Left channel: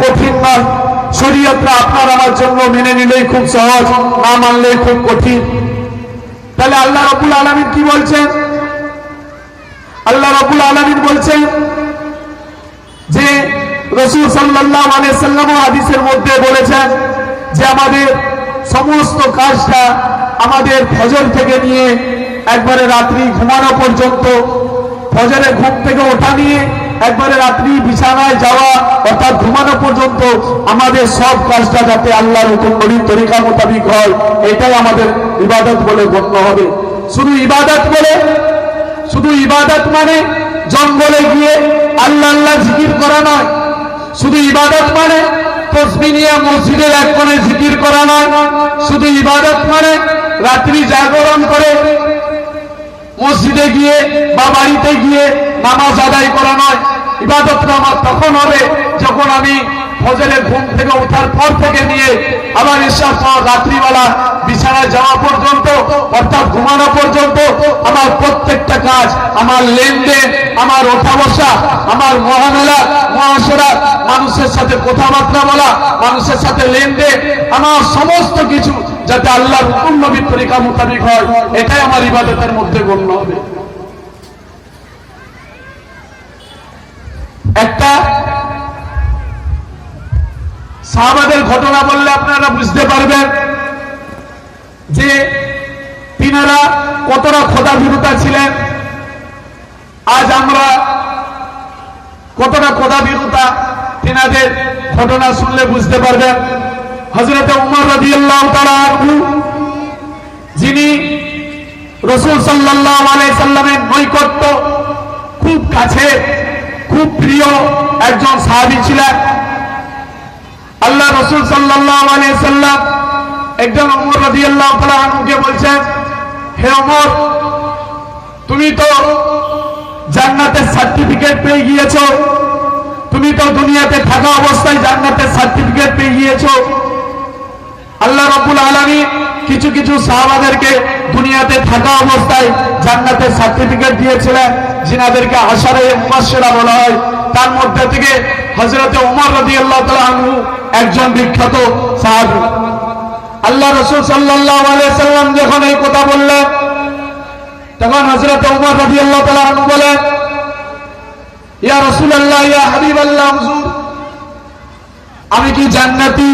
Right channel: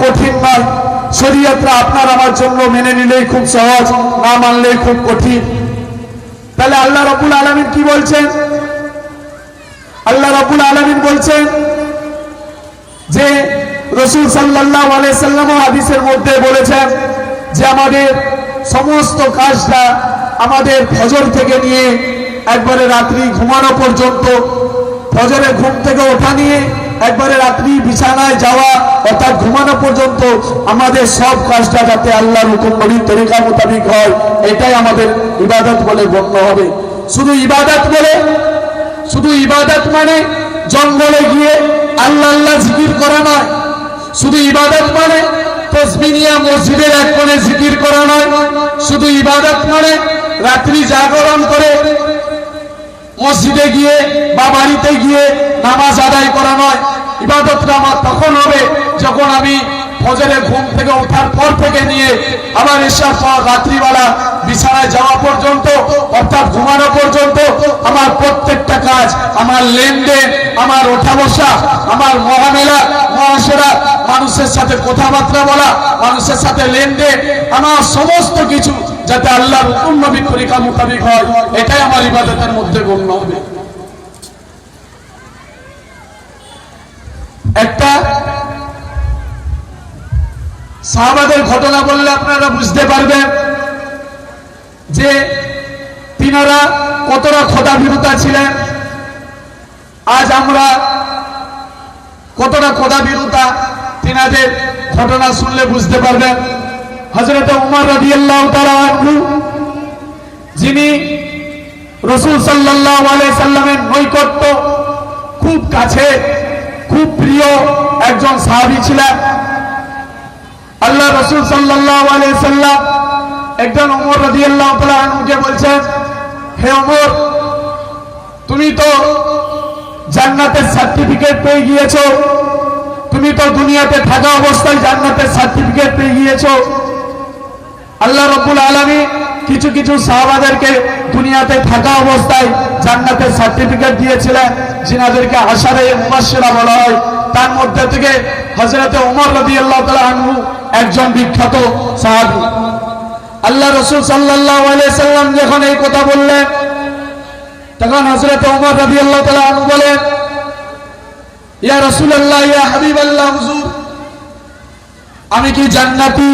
কঠিন নয়। শরীয়তটা আপনার আমার জন্য মেনে নিলেই খুব সহজ, না মানলেই খুব কঠিন। তাহলে আল্লাহ রাব্বুল আলামিন কি বলছেন? আল্লাহ রাব্বুল আলামিন বলছেন যে রাসূল সাল্লাল্লাহু আলাইহি সাল্লাম হাদিসের মধ্যে বলেছেন যে আমাদের সমস্ত কাজটা আমাদের ফজর থেকে নিয়ে একবারে রাত্রি ঘুমানো পর্যন্ত, ফজরে ঘুম থেকে ওঠা নিয়ে একবারে রাত্রি বিছানায় যাওয়া অর্থাৎ ঘুমানো পর্যন্ত আমাদের সব কাজটা যাতে আল্লাহর হুকুম নবীর তরিকা মোতাবেক হয়, এটাই আমাদের ইবাদত বলে গণ্য হবে। শুধু ইবাদত মানে জঙ্গলে গিয়ে আল্লাহ আল্লাহ জিকির করা নয়। শুধু ইবাদত মানে তাসবিহ নিয়ে মসজিদের এক কোণে জিকির করা নয়। শুধু ইবাদত মানে রাত্রি জাগরণ করে মসজিদে গিয়ে বা বাড়িতে গিয়ে নামাজ আদায় করা নয়। ইবাদতটা আমার তখন হবে যখন আমি ফজরে ঘুম থেকে ওঠার পর থেকে নিয়ে আবার ঈশার পর রাত্রিবেলা বিছানায় যাওয়া পর্যন্ত অর্থাৎ ঘুমানো পর্যন্ত আমার প্রত্যেকটা কাজ, আমার লেনদেন, আমার ওঠা বসা, আমার মহামেলা মহাসেরা, মানুষের সাথে কথাবার্তা বলা, মানুষের সাথে লেনদেন, আমার সমস্ত কিছু যাতে আল্লাহর হুকুম নবীর তরিকা মোতাবেক হয়, এটাই আমার ইবাদতের মধ্যে গণ্য হবে। একটা সাহাবাদের ঘটনা বললে আপনারা বুঝতে পারবেন যে তিনারা কতটা খোদাভীরুতা ছিলেন। আজ আমরা কতটা খোদাভীরুতা তিনাদের ঘটনা শুনলে বুঝতে পারবেন। হযরত উমর রাদিয়াল্লাহু তাআলা আনহু, যিনি রাসূল সাল্লাল্লাহু আলাইহি সাল্লামের নৈকট্য খুব কাছে, খুব প্রিয় একজন সাহাবী ছিলেন। আল্লাহ রাসূল সাল্লাল্লাহু আলাইহি সাল্লাম একজন ওমর রাদিয়াল্লাহু তাআলা আনহুকে বলছেন, হে ওমর, তুমি তো জান্নাতের সার্টিফিকেট পেয়ে গিয়েছো, তুমি তো দুনিয়াতে থাকা অবস্থায় জান্নাতের সার্টিফিকেট পেয়ে গিয়েছো। আল্লাহ রাব্বুল আলামিন কিছু কিছু সাহাবাদেরকে দুনিয়াতে থাকা অবস্থায় জান্নাতের সার্টিফিকেট দিয়েছিলেন, যিনাদেরকে আশারে মুবাশশিরা বলা হয়। তার মধ্যে থেকে হযরত ওমর রাদিয়াল্লাহু তাআলা আনহু একজন বিখ্যাত সাহাবী। আল্লাহ রাসূল সাল্লাল্লাহু আলাইহি সাল্লাম যখন এই কথা বললেন, তখন হযরত ওমর রাদিয়াল্লাহু তাআলা আনহু বলেন, ইয়া রাসূলুল্লাহ, ইয়া হাবিবাল্লাহ, হুজুর, আমি কি জান্নাতি?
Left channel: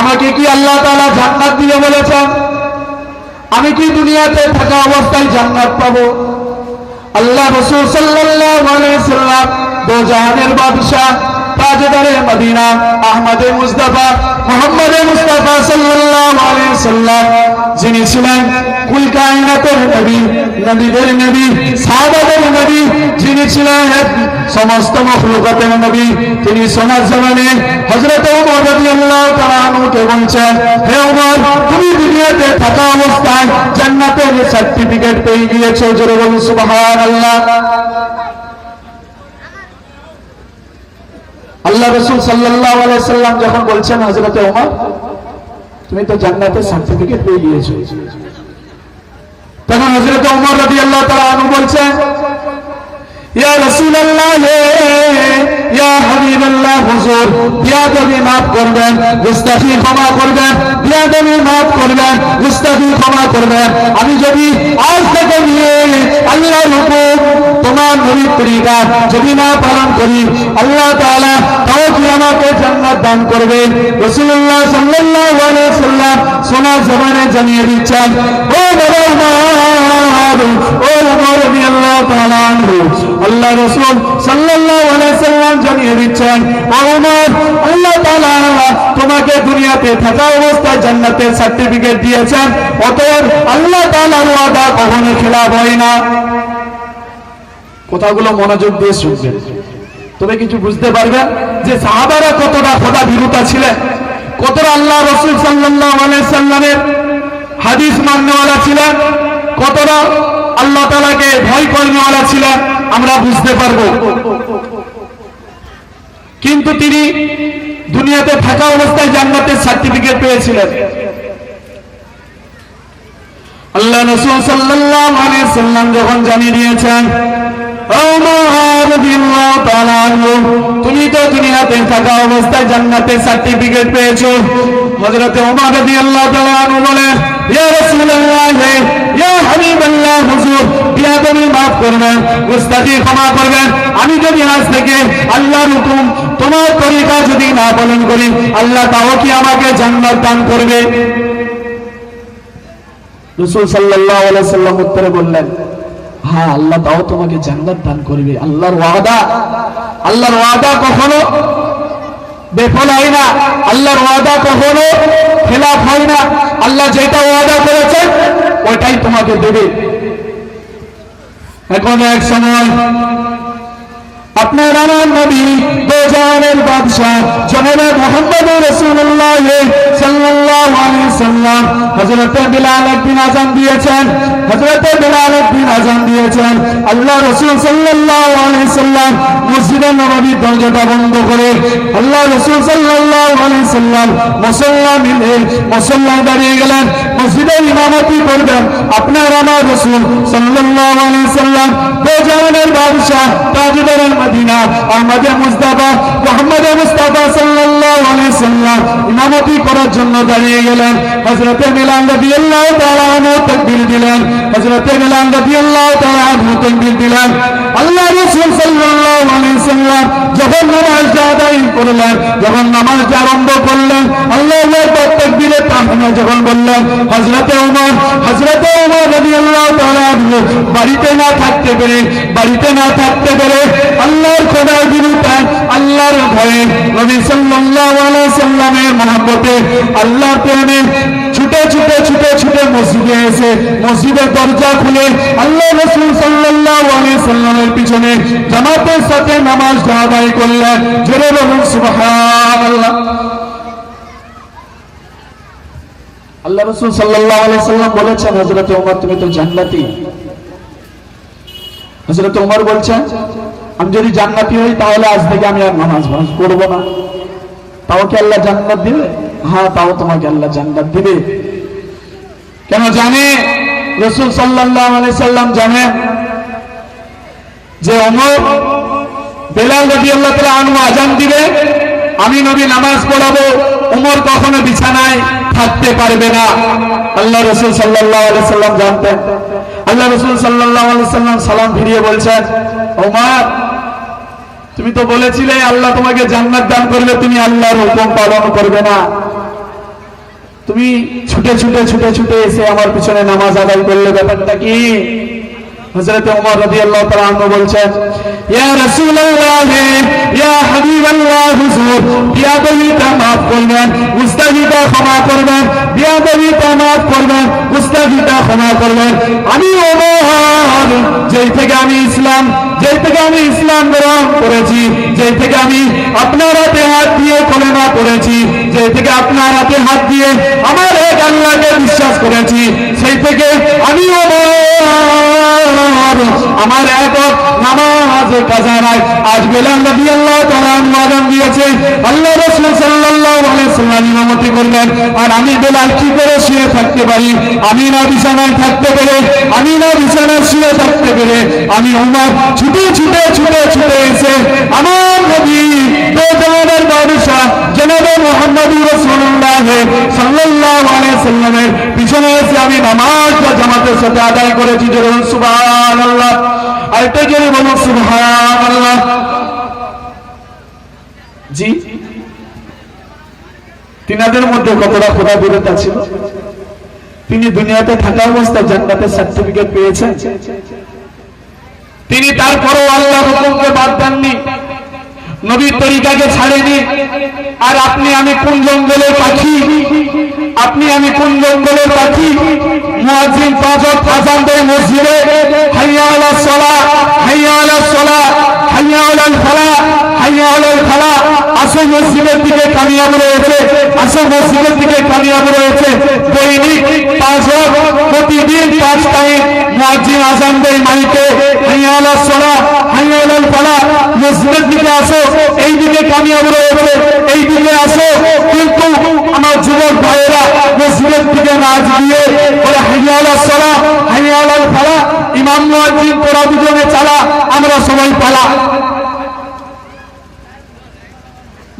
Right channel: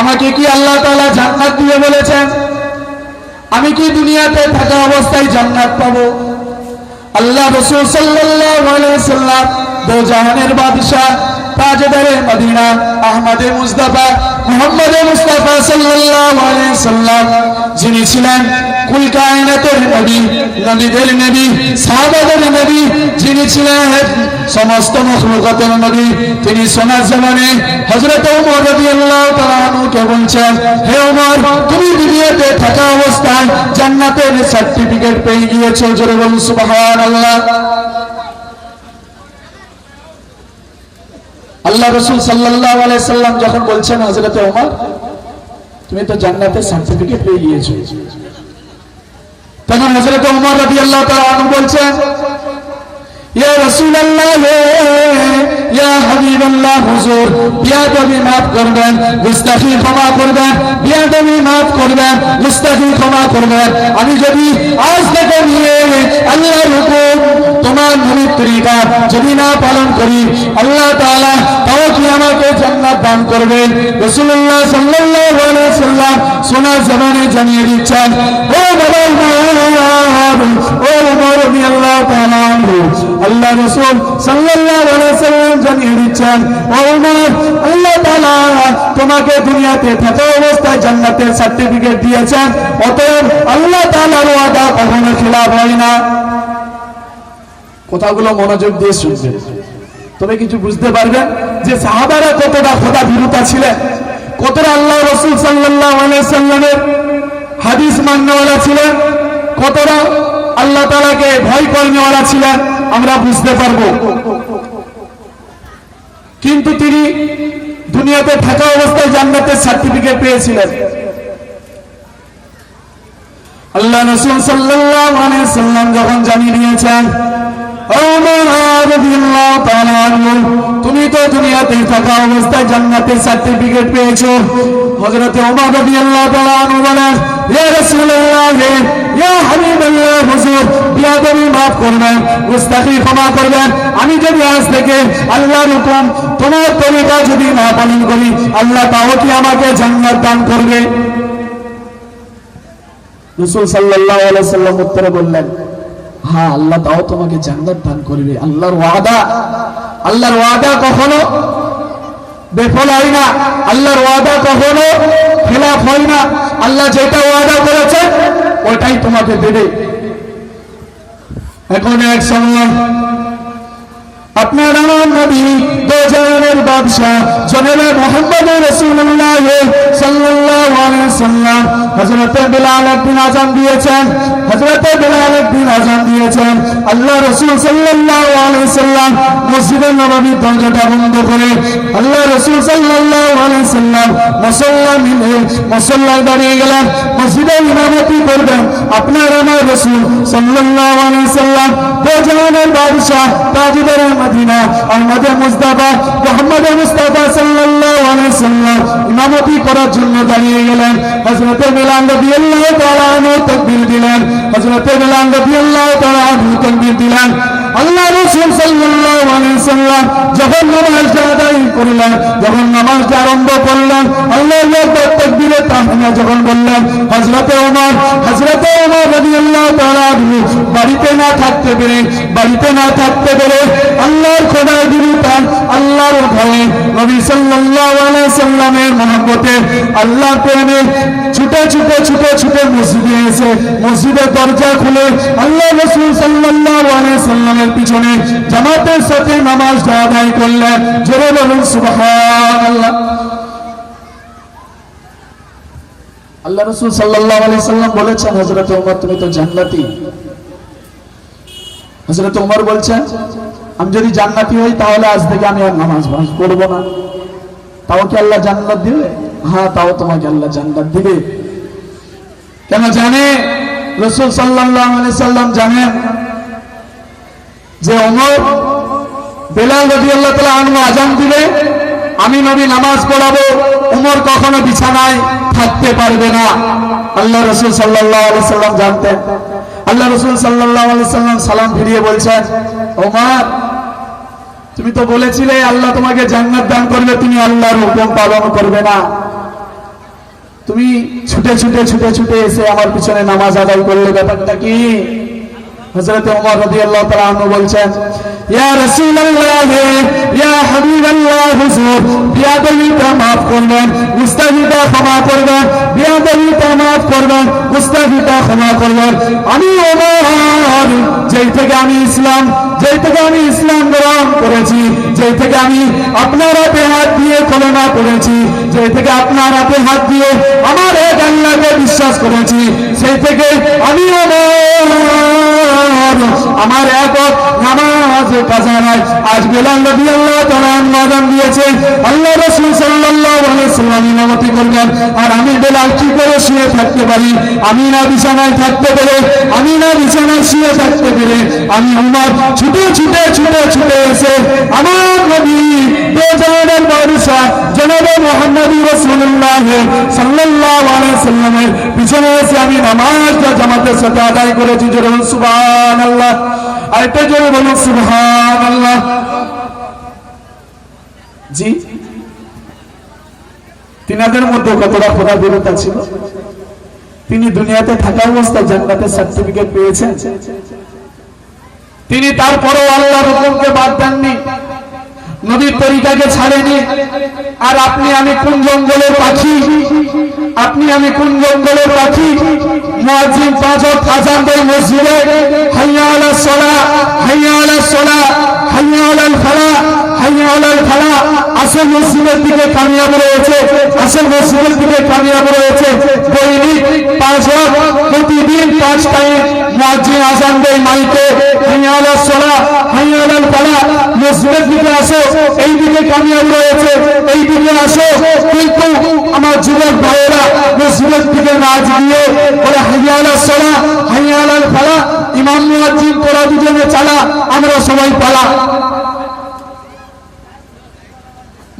আমাকে কি আল্লাহ তাআলা জান্নাত দিয়ে বলেছেন? আমি কি দুনিয়াতে থাকা অবস্থায় জান্নাত পাবো? আল্লাহ রাসূল সাল্লাল্লাহু আলাইহি সাল্লাম দো জাহানের বাদশা, তাজদারে মদিনা, আহমদে মুস্তাফা, মুহাম্মদে মুস্তাফা সাল্লাল্লাহু আলাইহি সাল্লাম, যিনি ছিলেন কুল কায়নাতের নবী, নবীদের নবী, সাহাবাদের নবী, যিনি ছিলেন সমস্ত মাখলুকাতের নবী, তিনি সোনার জমানে হযরত ওমর রাদিয়াল্লাহু তাআলা আনহুকে বলছেন, হে ওমর, তুমি দুনিয়াতে থাকা অবস্থায় জান্নাতের সার্টিফিকেট পেয়ে গিয়েছো। জোরে বলুন সুবহানাল্লাহ। আল্লাহ রাসূল সাল্লাল্লাহু আলাইহি সাল্লাম যখন বলছেন, হযরত ওমর, তুমি তো জান্নাতের সার্টিফিকেট পেয়ে গিয়েছো, তখন হযরত ওমর রাদিয়াল্লাহু তাআলা আনহু বলছেন, ইয়া রাসূলুল্লাহ, ইয়া হাবিবাল্লাহ, হুজুর, বিয়াদবি মাফ করবেন, গুস্তাখি ক্ষমা করবেন, বিয়াদবি মাফ করবেন, গুস্তাখি ক্ষমা করবেন। আমি যদি আজ থেকে নিয়ে আল্লাহর হুকুম, তোমার নবীর তরিকা যদি না পালন করি, আল্লাহ তাআলা তাও কি আমাকে জান্নাত দান করবেন? রাসূলুল্লাহ সাল্লাল্লাহু আলাইহি সাল্লাম সোনার জবানে জানিয়ে দিচ্ছেন, ও বাবা উমর, ও উমর রাদিয়াল্লাহু তাআলা আনহু, আল্লাহ রাসূল সাল্লাল্লাহু আলাইহি সাল্লাম জানিয়ে দিচ্ছেন, ও উমর, আল্লাহ তাআলা তোমাকে দুনিয়াতে থাকা অবস্থায় জান্নাতের সার্টিফিকেট দিয়েছেন, অতএব আল্লাহ তাআলার ওয়াদা কখনো খেলাফ হয় না। কথাগুলো মনোযোগ দিয়ে শুনবেন, তবে কিছু বুঝতে পারবেন যে সাহাবারা কতটা খোদাভীরুতা ছিলেন, কতটা আল্লাহ রাসূল সাল্লাল্লাহু আলাইহি সাল্লামের হাদিস মাননেওয়ালা ছিলেন, কতটা আল্লাহ তাআলাকে ভয় করনেওয়ালা ছিলেন, আমরা বুঝতে পারবো। কিন্তু তিনি দুনিয়াতে থাকা অবস্থায় জান্নাতের সার্টিফিকেট পেয়েছিলেন। আল্লাহ রাসূল সাল্লাল্লাহু আলাইহি সাল্লাম যখন জানিয়ে দিয়েছেন, ওমর রাদিয়াল্লাহু তাআলা আনহু, তুমি তো দুনিয়াতে থাকা অবস্থায় জান্নাতের সার্টিফিকেট পেয়েছো। হযরত ওমর রাদিয়াল্লাহু তাআলা আনহু বলেন, ইয়া রাসূলুল্লাহ, ইয়া হাবিবাল্লাহ, হুজুর বিয়াদবি মাফ করবেন, গুস্তাখি ক্ষমা করবেন। আমি যদি আজ থেকে আল্লাহর হুকুম তোমার তরিকা যদি না পালন করি, আল্লাহ তাও কি আমাকে জান্নাত দান করবে? রাসূল সাল্লাল্লাহু আলাইহি ওয়াসাল্লাম উত্তরে বললেন, হ্যাঁ, আল্লাহ তাও তোমাকে জান্নাত দান করবে। আল্লাহর ওয়াদা কখনো বেফল হয় না, আল্লাহর ওয়াদা কখনো খেলাফ হয় না। আল্লাহ যেটা ওয়াদা করেছেন ওইটাই তোমাকে দেবে। এখন এক সময় আপনার আমার নবী দো জাহানের বাদশাহ জনাবে মুহাম্মদ রাসূলুল্লাহ সাল্লাল্লাহু আলাইহি ওয়াসাল্লাম হযরত বিলাল একদিন আযান দিয়েছেন। আল্লাহ রাসূল সাল্লাল্লাহু আলাইহি ওয়াসাল্লাম মসজিদে নববীর দরজাটা বন্ধ করে আল্লাহ রাসূল সাল্লাল্লাহু আলাইহি ওয়াসাল্লাম মুসল্লায় দাঁড়িয়ে গেলেন, মসজিদে ইমামতি করবেন। আপনার আমার রাসূল সাল্লাল্লাহু আলাইহি ওয়াসাল্লাম দো জাহানের বাদশাহ তাজদারে মদিনা আহমদে মুস্তাফা মুহাম্মদে মুস্তাফা সাল্লাল্লাহু আলাইহি ওয়াসাল্লাম ইমামতি করার জন্য দাঁড়িয়ে গেলেন। হযরত বিলাল রাদিয়াল্লাহু তাআলা আনহু তাকবীর দিলেন। আল্লাহ রাসূল সাল্লাল্লাহু আলাইহি ওয়াসাল্লাম যখন নামাজ আদায় করলেন, যখন নামাজ আরম্ভ করলেন, আল্লাহু আকবার তাকবীরে তাহমিনা যখন বললেন, হযরত ওমর রাদিয়াল্লাহু তাআলা আনহু বাড়িতে না থাকতে পেরে আল্লাহর খোদার বিরুদ্ধে, আল্লাহর ভয়ে, নবী সাল্লাল্লাহু আলাইহি ওয়াসাল্লামের মহব্বতে, আল্লাহর প্রেমে ছুটে মসজিদে এসে মসজিদের দরজা খুলে আল্লাহ রাসূল সাল্লাল্লাহু আলাইহি ওয়াসাল্লামের পিছনে জামাতের সাথে নামাজ আদায় করলেন। জোরে বলুন সুবহানাল্লাহ। আল্লাহ রাসূল সাল্লাল্লাহু আলাইহি ওয়াসাল্লাম বলেছেন, হযরত ওমর তুমি তো জান্নাতি। হযরত ওমর বলছেন, আমি যদি জান্নাতি হই তাহলে আজ থেকে আমি আর নামাজ করব না। তাও কি আল্লাহ জান্নাত দিবে? হ্যাঁ, তাও তোমাকে আল্লাহ জান্নাত দিবে। কেন জানে? রাসূল সাল্লাল্লাহু আলাইহি ওয়াসাল্লাম জানেন যে ওমর বেলাল রাদিয়াল্লাহু তাআলা আনহু আযান দিবে, আমি নবী নামাজ পড়াবো, ওমর কখনো বিছানায় থাকতে পারবে না। আল্লাহ রাসূল সাল্লাল্লাহু আলাইহি ওয়াসাল্লাম জানতেন। আল্লাহ রাসূল সাল্লাল্লাহু আলাইহি ওয়াসাল্লাম সালাম ফিরিয়ে বলছেন, ওমর তুমি তো বলেছিলে আল্লাহ তোমাকে জান্নাত দান করবে, তুমি আল্লাহর হুকুম পালন করবে না। তুমি ছুটে এসে আমার পিছনে নামাজ আদায় করলে, ব্যাপারটা কি? হযরত ওমর রাদিয়াল্লাহু তাআলা আনহু বলছেন, ইয়া রাসূলুল্লাহ, ইয়া হাবিবাল্লাহ, হুজুর বিয়াদবিটা মাফ করবেন, গুস্তাখিটা ক্ষমা করবেন, বিয়াদবিটা মাফ করবেন, গুস্তাখিটা ক্ষমা করবেন। আমি ওমর যেই থেকে আমি ইসলাম গ্রহণ করেছি, যেই থেকে আমি আপনার হাতে হাত দিয়ে কলেমা পড়েছি, যেই থেকে আপনার হাতে হাত দিয়ে আমার এক আল্লাহকে বিশ্বাস করেছি, সেই থেকে আমি আমার একক নামাজ কাজা নাই। আজ বেলাল রাদিয়াল্লাহু তাআলা আযান দিয়েছে, আল্লাহ রাসূল সাল্লাল্লাহু আলাইহি ওয়াসাল্লাম ইমামতি করলেন, আর আমি বেলাল কি করে শুয়ে থাকতে পারি? আমি না বিছানায় থাকতে পেরে, আমি না বিছানায় শুয়ে থাকতে পেরে, আমি ওমর ছুটে এসে আমার নবী দো জাহানের বাদশাহ জনাবে মুহাম্মদ রাসূলুল্লাহ সাল্লাল্লাহু আলাইহি ওয়াসাল্লামের পিছনে এসে আমি নামাজটা জামাতের সাথে আদায় করেছি। জোরে বলুন সুবহানাল্লাহ। আরেকটা জোরে বলুন সুবহানাল্লাহ। জি, তিনাদের মধ্যে কতটা খোদা বিরতা ছিল। তিনি দুনিয়াতে থাকা অবস্থায় জান্নাতের সার্টিফিকেট পেয়েছেন। তিনি তারপরও আল্লাহর হুকুমকে বাদ দেননি, নবীর তরিকাকে ছাড়েনি। আর আপনি আমি কোন জঙ্গলের পাখি? মুয়াজ্জিন 5 ওয়াক্ত আযান দেয় মসজিদে, হাইয়া আলাস সালাহ, হাইয়া আলাস সালাহ, হাইয়া আলাল ফালাহ, হাইয়া আলাল ফালাহ। আসে মসজিদের দিকে কামিয়াব রয়েছে। দৈনিক 5 ওয়াক্ত প্রতিদিন 5 টাইম মুয়াজ্জিন আযান দেয় মাইকে, হাইয়া আলাস সালাহ, হাইয়া আলাল ফালাহ। মসজিদের দিকে আসো, এই দিকে কামিয়াব রয়েছে, এই দিকে আসো। কিন্তু আমার যুবক ভাইয়েরা মসজিদের দিকে না গিয়ে বলে হাইয়া আলাস সালাহ, হাইয়া আলাল ফালাহ। ইমাম মুয়াজ্জিন তোরা দুজনে চালা, আমরা সবাই পালা।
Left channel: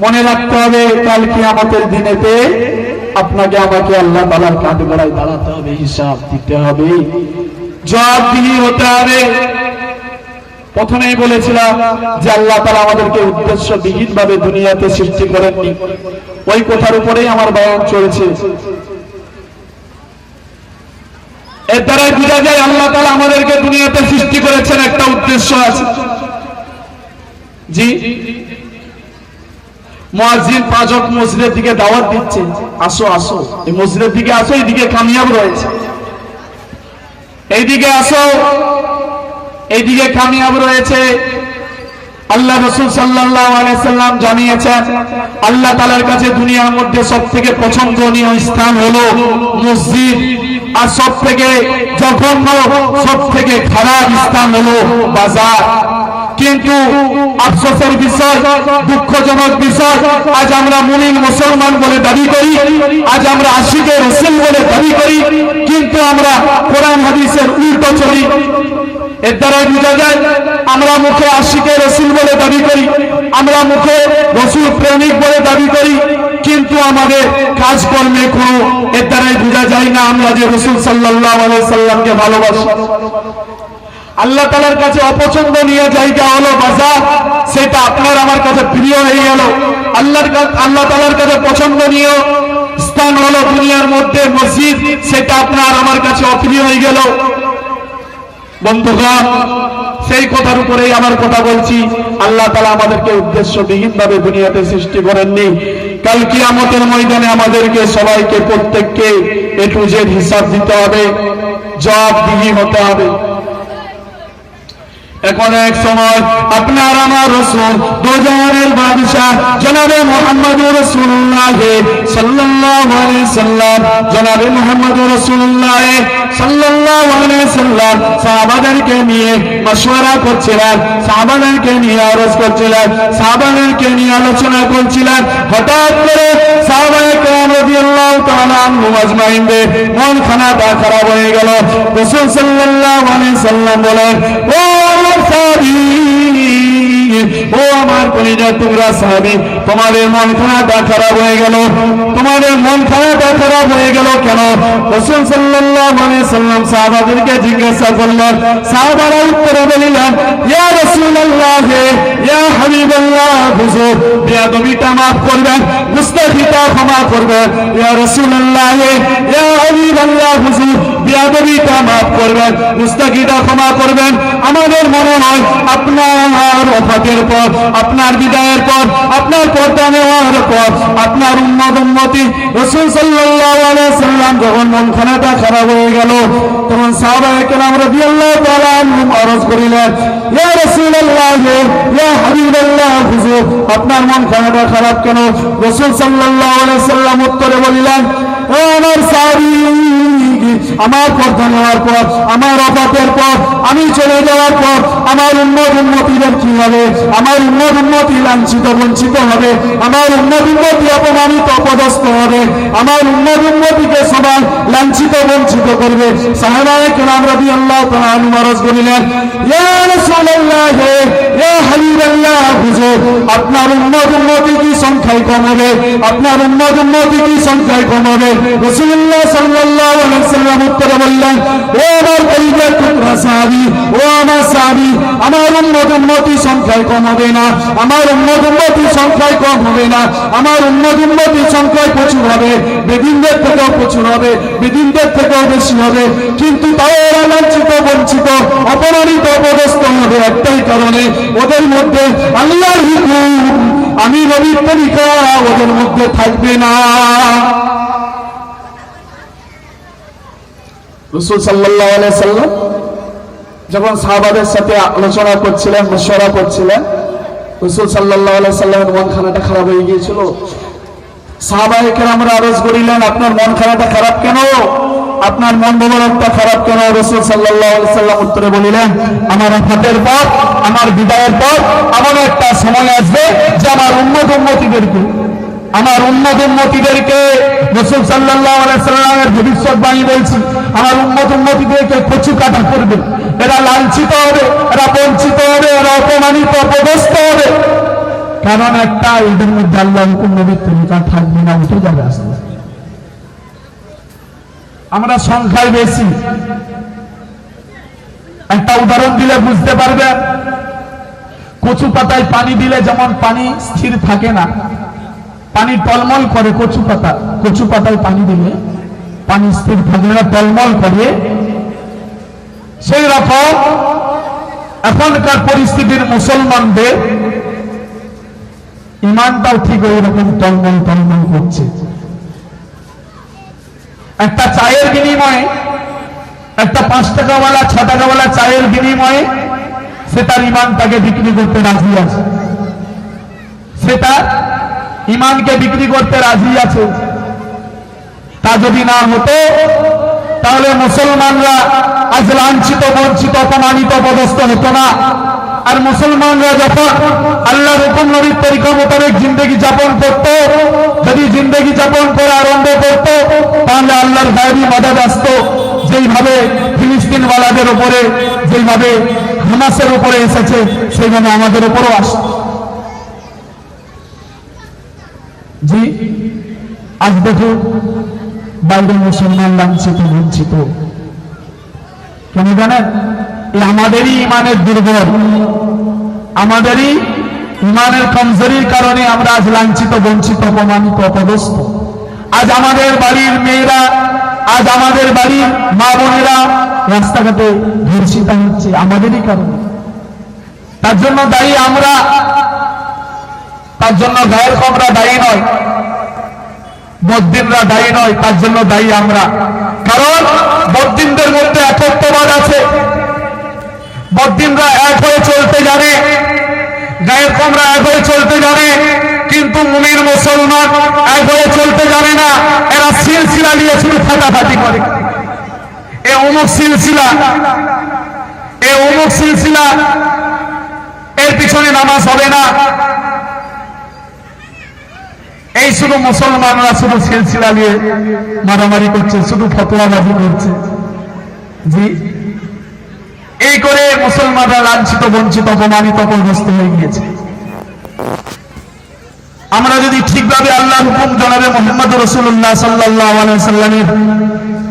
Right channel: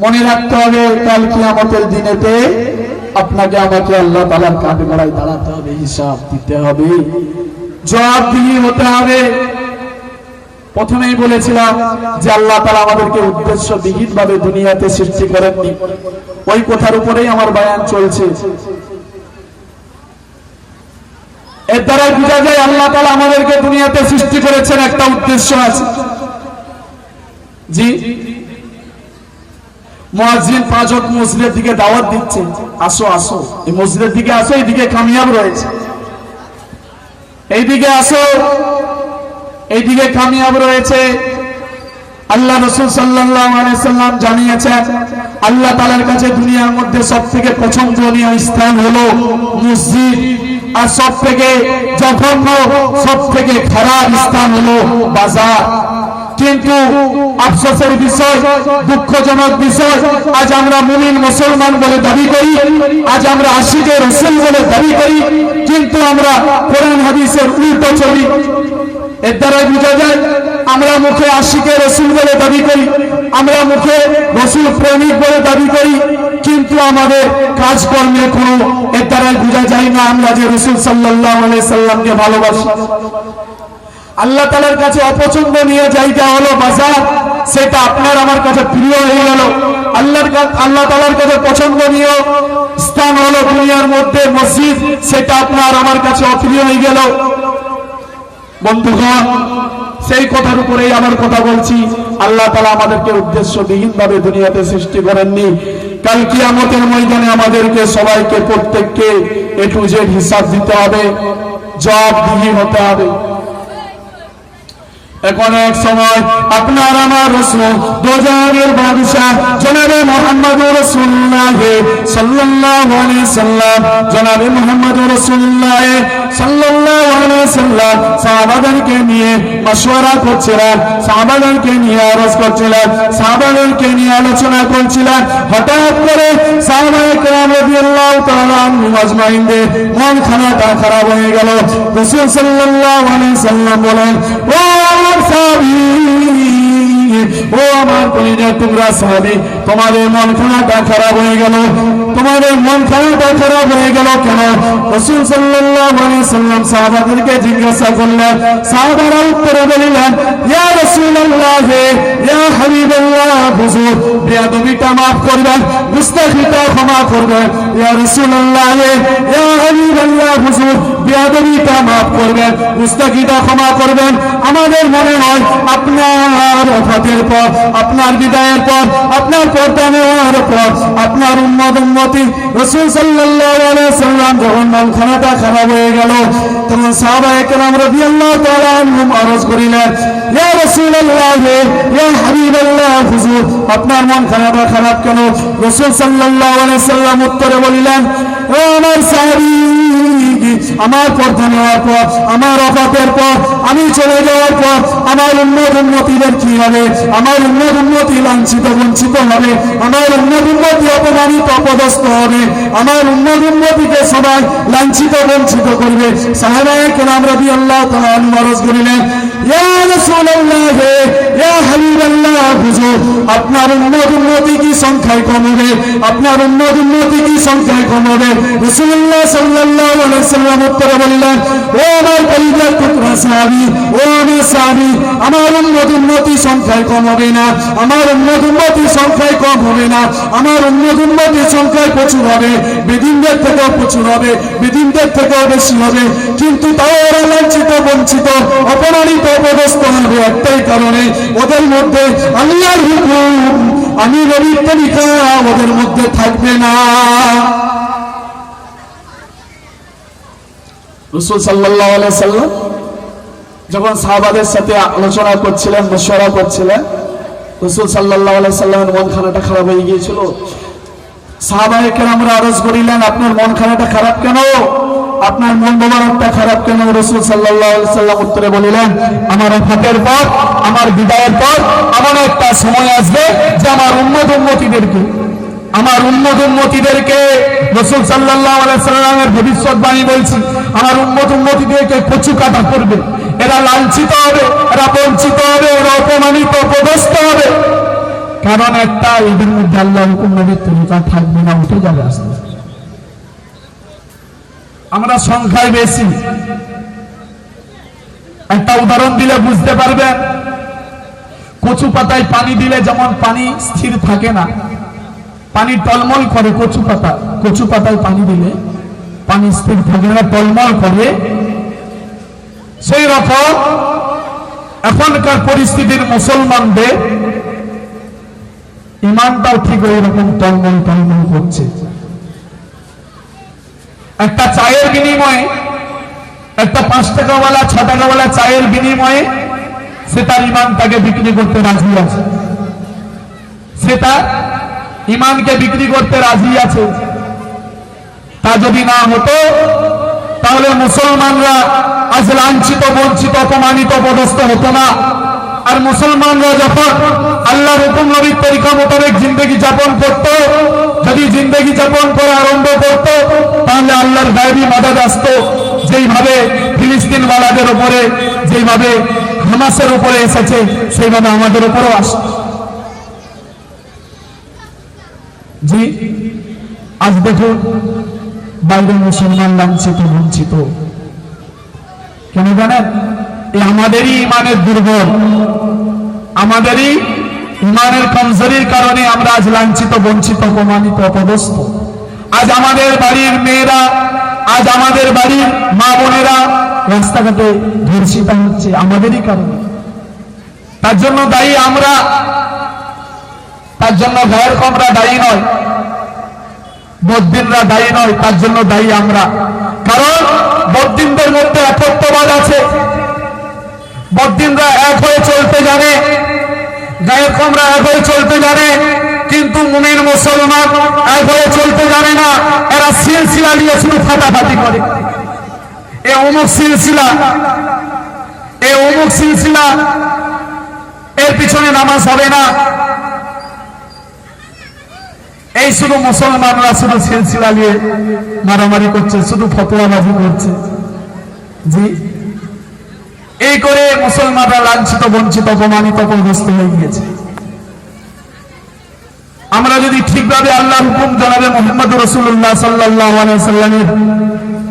মনে রাখতে হবে কাল কিয়ামতের দিনেতে আপনাকে আমাকে আল্লাহ তাআলার কাঠগড়ায় দাঁড়াতে হবে, হিসাব দিতে হবে, জবাবদিহি হতে হবে। প্রথমেই বলেছিলাম যে আল্লাহ তাআলা আমাদেরকে উদ্দেশ্যবিহীন ভাবে দুনিয়াতে সৃষ্টি করেননি, ওই কথার উপরেই আমার বয়ান চলছে। এর দ্বারা বোঝা যায় আল্লাহ তাআলা আমাদেরকে দুনিয়াতে সৃষ্টি করেছেন, একটা উদ্দেশ্য আছে। জি, মুয়াজ্জিন 5 ওয়াক্ত মসজিদের দিকে দাওয়াত দিচ্ছে, আসো আসো, এই মসজিদের দিকে আসো, এইদিকে কামিয়াব রয়েছে, এইদিকে আসো, এইদিকে কামিয়াব রয়েছে। আল্লাহ রাসূল সাল্লাল্লাহু আলাইহি সাল্লাম জানিয়েছেন আল্লাহ তাআলার কাছে দুনিয়ার মধ্যে সবথেকে পছন্দনীয় স্থান হলো মসজিদ, আর সবথেকে জঘন্য, সবথেকে খারাপ স্থান হলো বাজার। কিন্তু আফসোসের বিষয়, দুঃখজনক বিষয়, আজ আমরা মুমিন মুসলমান বলে দাবি করি, আজ আমরা আশিকে রাসূল বলে দাবি করি, কিন্তু আমরা কোরআন হাদিসের উল্টো চলি। এর দ্বারা বোঝা যায় আমরা মুখে আশিকে রাসূল বলে দাবি করি, আমরা মুখে রাসূল প্রেমিক বলে দাবি করি, কিন্তু আমাদের কাজকর্মে কোনো এর দ্বারাই বোঝা যায় না আমরা যে রাসূল সাল্লাল্লাহু আলাইহি সাল্লামকে ভালোবাসি। আল্লাহ তাআলার কাছে অপছন্দনীয় জায়গা হলো বাজার, সেটা আপনার আমার কাছে প্রিয় হয়ে গেল। আল্লাহ তাআলার কাছে পছন্দনীয় স্থান হলো দুনিয়ার মধ্যে মসজিদ, সেটা আপনার আমার কাছে অপ্রিয় হয়ে গেল। বন্ধুগণ, সেই কথার উপরেই আমার কথা বলছি, আল্লাহ তাআলা আমাদেরকে উদ্দেশ্যবিহীন ভাবে দুনিয়াতে সৃষ্টি করেননি। কাল কিয়ামতের ময়দানে আমাদেরকে সবাইকে, প্রত্যেককে এ টু জেড হিসাব দিতে হবে, জবাবদিহি হতে হবে। এখন এক সময় আপনার আমার রাসূল দোজানের বাদশা জনাবে মুহাম্মদুর রাসূলুল্লাহ সাল্লাল্লাহু আলাইহি সাল্লাম, জনাবে মুহাম্মদুর রাসূলুল্লাহ সাল্লাল্লাহু আলাইহি সাল্লাম সাহাবাদেরকে নিয়ে মাশওয়ারা করছিলেন, সাহাবাদেরকে নিয়ে আরজ করছিলেন, সাহাবাদেরকে নিয়ে আলোচনা করছিলেন। হঠাৎ করে সাহাবায়ে কেরাম রাদিয়াল্লাহু তাআলা আনহুম আজমাইনদের মন খানাটা খারাপ হয়ে গেল। রাসূল সাল্লাল্লাহু আলাইহি সাল্লাম বলেন, ও আমার কলিজার টুকরা সাহাবী, তোমাদের মন খানাটা খারাপ হয়ে গেল, তোমাদের মন খানাটা খারাপ হয়ে গেল কেন? রাসূল সাল্লাল্লাহু আলাইহি সাল্লাম সাহাবাদেরকে জিজ্ঞাসা করলেন, সাহাবারা উত্তরে বললেন, ইয়া রাসূলুল্লাহ, ইয়া হাবিবাল্লাহ, হুজুর বেয়াদবিটা maaf করবেন, মুস্তাফিটা ক্ষমা করবেন। ইয়া রাসূলুল্লাহ, ইয়া হাবিবাল্লাহ, হুজুর বেয়াদবিটা maaf করবেন, মুস্তাফিটা ক্ষমা করবেন। আমাদের মনে হয় আপনার ওফাতের পর, আপনার বিদায়ের পর, আপনার পর্দা নেওয়ার পর আপনার উম্মতি রাসূল সাল্লাল্লাহু আলাইহি সাল্লাম যখন মন খানাটা খারাপ হয়ে গেল, তখন সাহাবায়ে কেরাম রাদিয়াল্লাহু তাআলা আনহুম আরজ করিলেন, ইয়া রাসূলুল্লাহ, ইয়া হাবিবাল্লাহ, হুজুর আপনার মন খানাটা খারাপ কেন? রাসূল সাল্লাল্লাহু আলাইহি সাল্লাম উত্তরে বলিলেন, ও আমার সাহাবী, আমার পর্দা নেওয়ার পর, আমার ওফাতের পর, আমি চলে যাওয়ার পর আমার উম্মতিদের কি হবে? আমার উম্মতি লাঞ্ছিত বঞ্চিত হবে, আমার উম্মতি অপমানিত অপদস্থ হবে, আমার উম্মতিকে সবাই লাঞ্ছিত বঞ্চিত করবে। সাহাবায়ে কেরাম রাদিয়াল্লাহু তাআলা আনহুম আরজ করিলেন, ইয়া রাসূলুল্লাহ, ইয়া হাবিবাল্লাহ, হুজুর আপনার উম্মতি কি সংখ্যায় কম হবে? আপনার উম্মতি কি সংখ্যায় কম হবে? রাসূলুল্লাহ সাল্লাল্লাহু আলাইহি সাল্লাম উত্তরে বললেন, ও আমার কলিজার টুকরা সাহাবী, ও আমার সাহাবী, আমার উম্মতি সংখ্যায় কম হবে না, আমার উম্মতি সংখ্যায় কম হবে না, আমার উম্মতি সংখ্যায় প্রচুর হবে, বেদিনদের থেকেও প্রচুর হবে, বেদিনদের থেকেও বেশি হবে, কিন্তু তাও ওরা লাঞ্ছিত বঞ্চিত অপমানিত অপদস্থ হবে একটাই কারণে, ওদের মধ্যে আল্লাহর হুকুম, আমি নবীর তরিকা ওদের মধ্যে থাকবে না। রাসূল সাল্লাল্লাহু আলাইহি সাল্লাম যখন সাহাবাদের সাথে আলোচনা করছিলেন, মাশওয়ারা করছিলেন, রাসূল সাল্লাল্লাহু আলাইহি সাল্লামের মন খানাটা খারাপ হয়ে গিয়েছিল। সাহাবায়ে কেরামরা আরজ করিলেন, আপনার মন খানাটা খারাপ কেন? আপনার মন মেজাজটা খারাপ কেন? রাসূল সাল্লাল্লাহু আলাইহি সাল্লাম উত্তরে বলিলেন, আমার ওফাতের পর, আমার বিদায়ের পর এমন একটা সময় আসবে যে আমার উম্মতিদেরকে রাসূল সাল্লাল্লাহু আলাইহি সাল্লামের ভবিষ্যৎবাণী বলছি, আমার উম্মতিদেরকে কচু কাটা করবে, এরা লাঞ্ছিত হবে, এরা বঞ্চিত হবে, এরা অপমানিত অপদস্থ হবে। কারণ একটা, এদের মধ্যে আল্লাহ হুকুম নবীর তরিকা থাকবে না, উঠে যাবে আসলে। আমরা সংখ্যায় বেশি। একটা উদাহরণ দিলে বুঝতে পারবেন। কচু পাতায় পানি দিলে যেমন পানি স্থির থাকে না, পানি টলমল করে, কচু পাতায় পানি দিলে পানি স্থির থাকে না, টলমল করে। সেই রকম এখনকার পরিস্থিতির মুসলমানদের ইমানটাও ঠিক ওই রকম টলমল টলমল করছে। একটা চায়ের বিনিময়ে, একটা 5 টাকাওয়ালা 6 টাকাওয়ালা চায়ের বিনিময়ে সে তার ইমানটাকে বিক্রি করতে রাজি আছে, সে তার ইমানকে বিক্রি করতে রাজি আছে। তা যদি না হতো তাহলে মুসলমানরা আজ লাঞ্ছিত বঞ্চিত অপমানিত অপদস্থ হতো না। আর মুসলমানরা যখন আল্লাহর হুকুম নবীর তরিকা মোতাবেক জিন্দেগি যাপন করত, যদি জিন্দেগি যাপন করে আরম্ভ করত, তাহলে আল্লাহর গায়বী মদদ আসতো। যেইভাবে ফিলিস্তিন ওয়ালাদের উপরে, যেইভাবে হামাসের উপরে এসেছে, সেইভাবে আমাদের উপরও আসে। জি, আজ দেখুন বাইরে মুসলমান লাঞ্ছিত বঞ্চিত। কেন জানেন? এই আমাদেরই ইমানের দুর্বল, আমাদেরই ইমানের কমজোরির কারণে আমরা আজ লাঞ্ছিত বঞ্চিত অপমানিত অপদস্থ। আজ আমাদের বাড়ির মেয়েরা, আজ আমাদের বাড়ির মা বোনেরা রাস্তাঘাটে ধর্ষিত হচ্ছে আমাদেরই কারণে। তার জন্য দায়ী আমরা, তার জন্য গায়ের কমরা দায়ী নয়, বদ্দিনরা দায়ী নয়, তার জন্য দায়ী আমরা। কারণ বদ্দিনদের মধ্যে একত্ববাদ আছে, বদ্দিনরা এক হয়ে চলতে জানে, গায়ের কমরা এক হয়ে চলতে জানে, কিন্তু মুমিন মুসলমান এক হয়ে চলতে জানে না। এরা সিলসিলা নিয়ে শুধু ফাটাফাটি করে। এ অমুক সিলসিলা, এ অমুক সিলসিলা, এর পিছনে নামাজ হবে না। এই শুধু মুসলমানরা শুধু সিলসিলা নিয়ে মারামারি করছে, শুধু ফতোয়াবাজি করছে। জি, এই করে মুসলমানরা লাঞ্ছিত বঞ্চিত অপমানিত অপদস্থ হয়ে গিয়েছে। আমরা যদি ঠিকভাবে আল্লাহর হুকুম জনাবে মুহাম্মদ রাসূলুল্লাহ সাল্লাল্লাহু আলাইহি সাল্লামের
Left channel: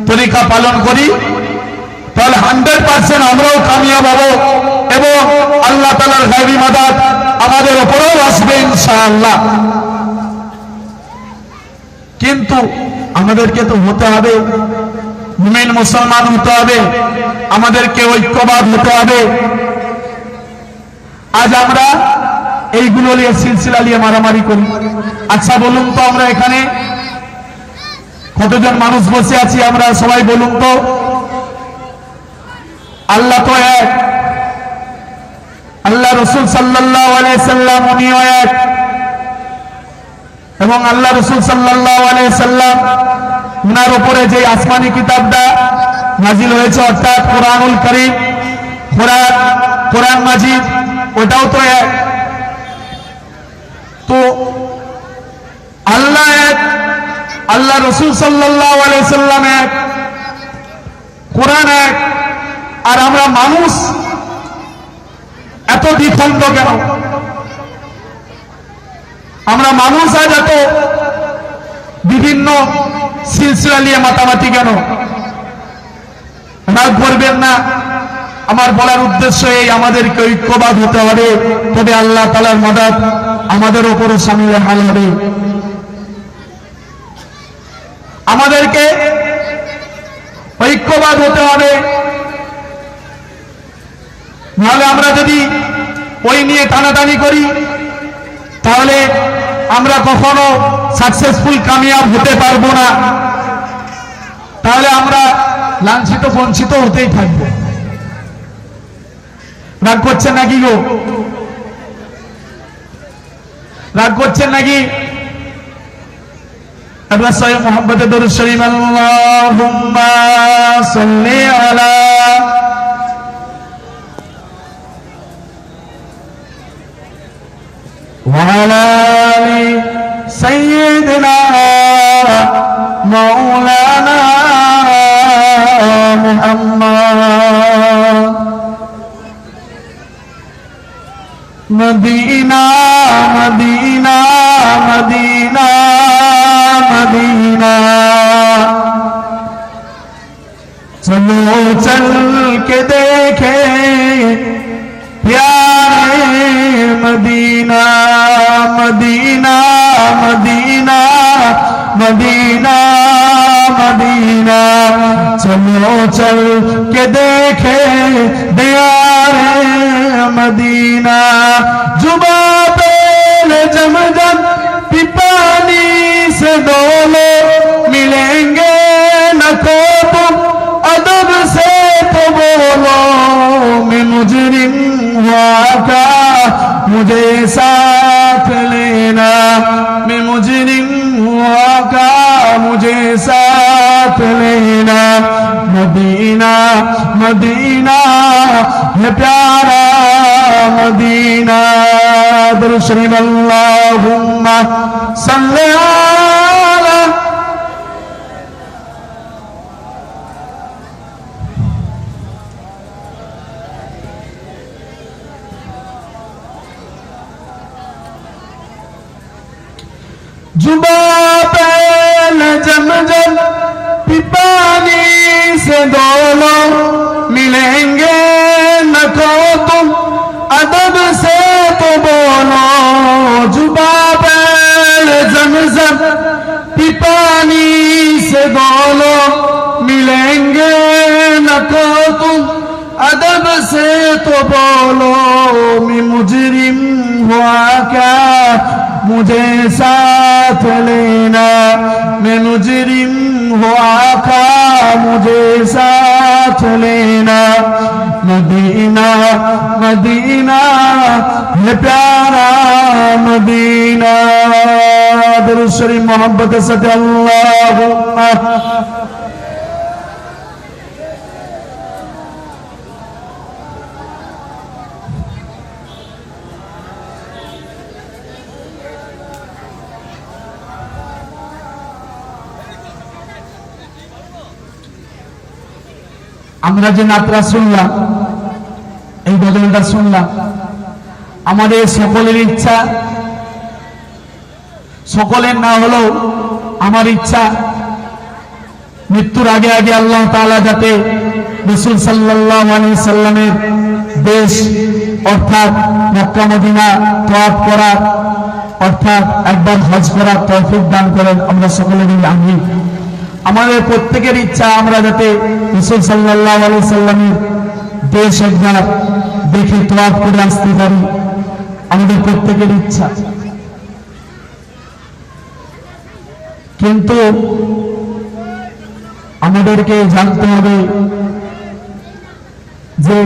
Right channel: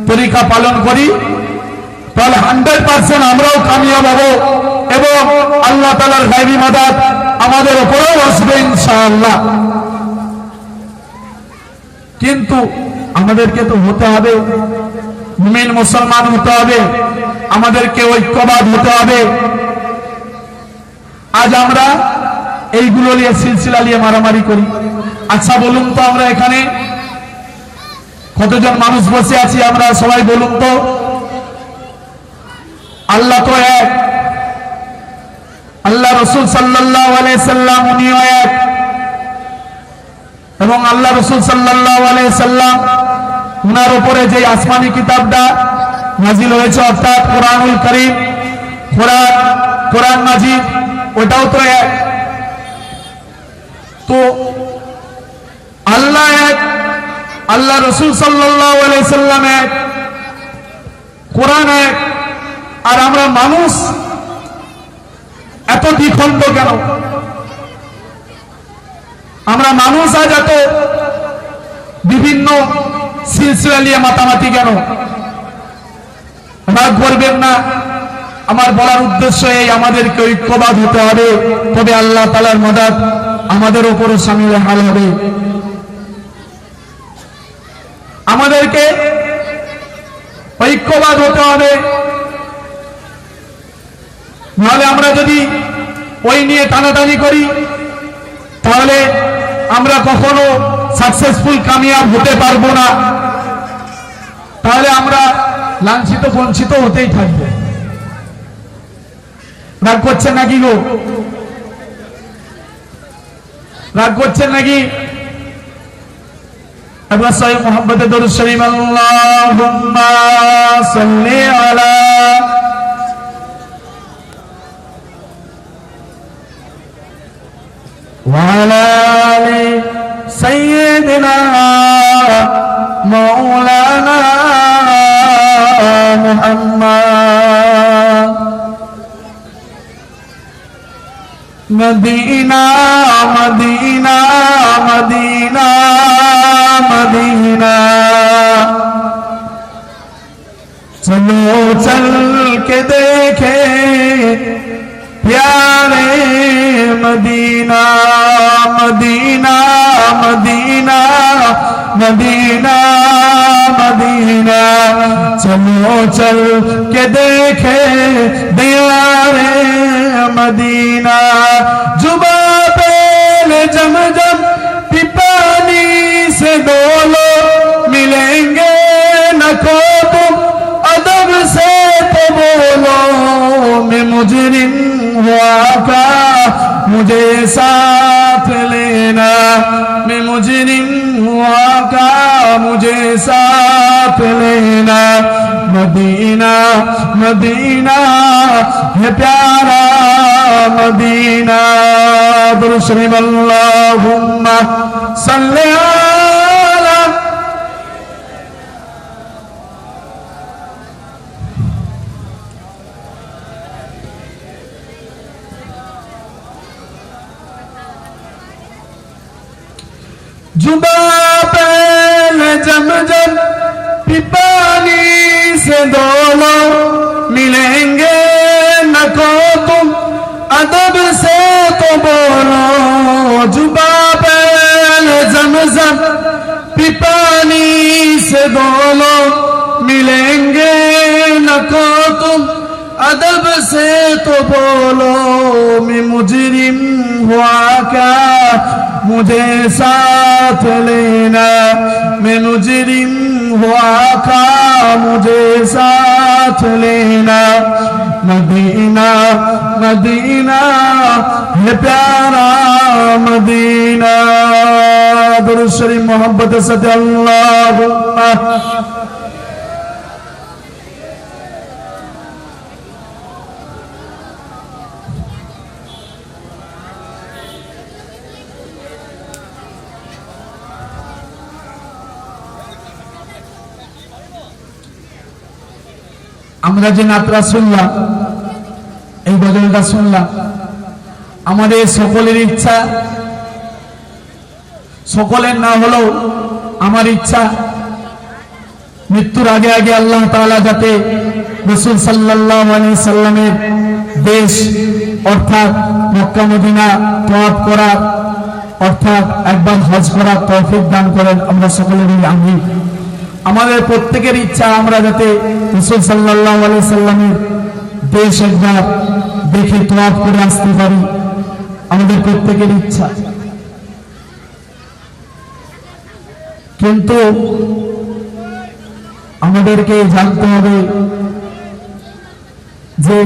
তরিকা পালন করি, তাহলে 100% আমরাও কামিয়াব হব এবং আল্লাহ তাআলার গায়বী মাদাদ আমাদের উপরেও আসবে ইনশাআল্লাহ। কিন্তু আমাদেরকে তো হতে হবে, মুমিন মুসলমান হতে হবে, আমাদেরকে ঐক্যবাদ হতে হবে। আজ আমরা এইগুলো নিয়ে সিলসিলা নিয়ে মারামারি করি। আচ্ছা বলুন তো, আমরা এখানে কতজন মানুষ বসে আছি? আমরা সবাই বলুন তো, আল্লাহ তো এক, আল্লাহ রাসূল সাল্লাল্লাহু আলাইহি সাল্লাম উনিও এক, এবং আল্লাহ রাসূল সাল্লাল্লাহু আলাইহি সাল্লাম উনার উপরে যে আসমানি কিতাবটা নাজিল হয়েছে, অর্থাৎ কোরআনুল কারীম, কোরআন মাজিদ, ওটাও তো এক। তো আল্লাহ এক, আল্লাহ রাসূল সাল্লাল্লাহু আলাইহি সাল্লাম এক, কোরআন এক, আর আমরা মানুষ এত দ্বিখণ্ড কেন? আমরা মানুষ আজ এত বিভিন্ন সিলসিলা নিয়ে মাতামাতি কেন? রাগ করবেন না, আমার বলার উদ্দেশ্য এই, আমাদেরকে ঐক্যবাদ হতে হবে, তবে আল্লাহ তাআলার মদদ আমাদের উপরে শামিল হাল হবে। আমাদেরকে ঐক্যবাদ হতে হবে, নাহলে আমরা যদি ওই নিয়ে টানাটানি করি তাহলে আমরা কখনো সাকসেসফুল কামিয়াব হতে পারবো না। তাহলে আমরা লাঞ্ছিত বঞ্চিত হতেই থাকবো। রাগ করছেন নাকি গো? রাগ করছেন নাকি? আমরা সহিহ মুহাম্মদে দরুদ শরীফ, আল্লাহুম্মা সাল্লি আলা وعلى آل سيدنا مولانا محمد चल के देखे प्यारे Medina Medina Medina Medina Medina चलो चल के देखे प्यारे मदीना जुबा पे जमजम पानी से डोलो मिलेंगे न को तुम अदब से तो बोलो मैं मुजरिम हुआ का मुझे साथ लेना मैं मुजरिम हुआ का मुझे साथ लेना मदीना मदीना है प्यारा मदीना दुरूद शरीफ अल्लाहुम्मा सल्ली अला जुबा पहल जमजम पानी से दोनों मिलेंगे न को तुम अदब से तो बोलो जुबा पहल जमजम पानी से दोनों मिलेंगे न को तुम अदब से तो बोलो मैं मुजरिम हुआ क्या मुझे साथ लेना मैं मुजरिम हुआ का मुझे साथ लेना मदीना मदीना है प्यारा मदीना दुरूद शरीफ मोहब्बत से अल्लाहुम्मा আমরা যে নাতরা শুনলাম এই গজলটা শুনলাম আমাদের সকলের ইচ্ছা সকলের না হলেও আমার ইচ্ছা মৃত্যুর আগে আগে আল্লাহ তাআলা যাতে রাসূল সাল্লাল্লাহু আলাইহি সাল্লামের দেশ অর্থাৎ মক্কা মদিনা তওয়াফ করার অর্থাৎ একবার হজ করার তৌফিক দান করেন আমরা সকলেরই আমিন আমাদের প্রত্যেকের ইচ্ছা আমরা যাতে রাসূল সাল্লাল্লাহু আলাইহি সাল্লামের দেশ একবার দেখে তওয়াফ করে আসতে পারি আমাদের প্রত্যেকের ইচ্ছা কিন্তু আমাদেরকে জানতে হবে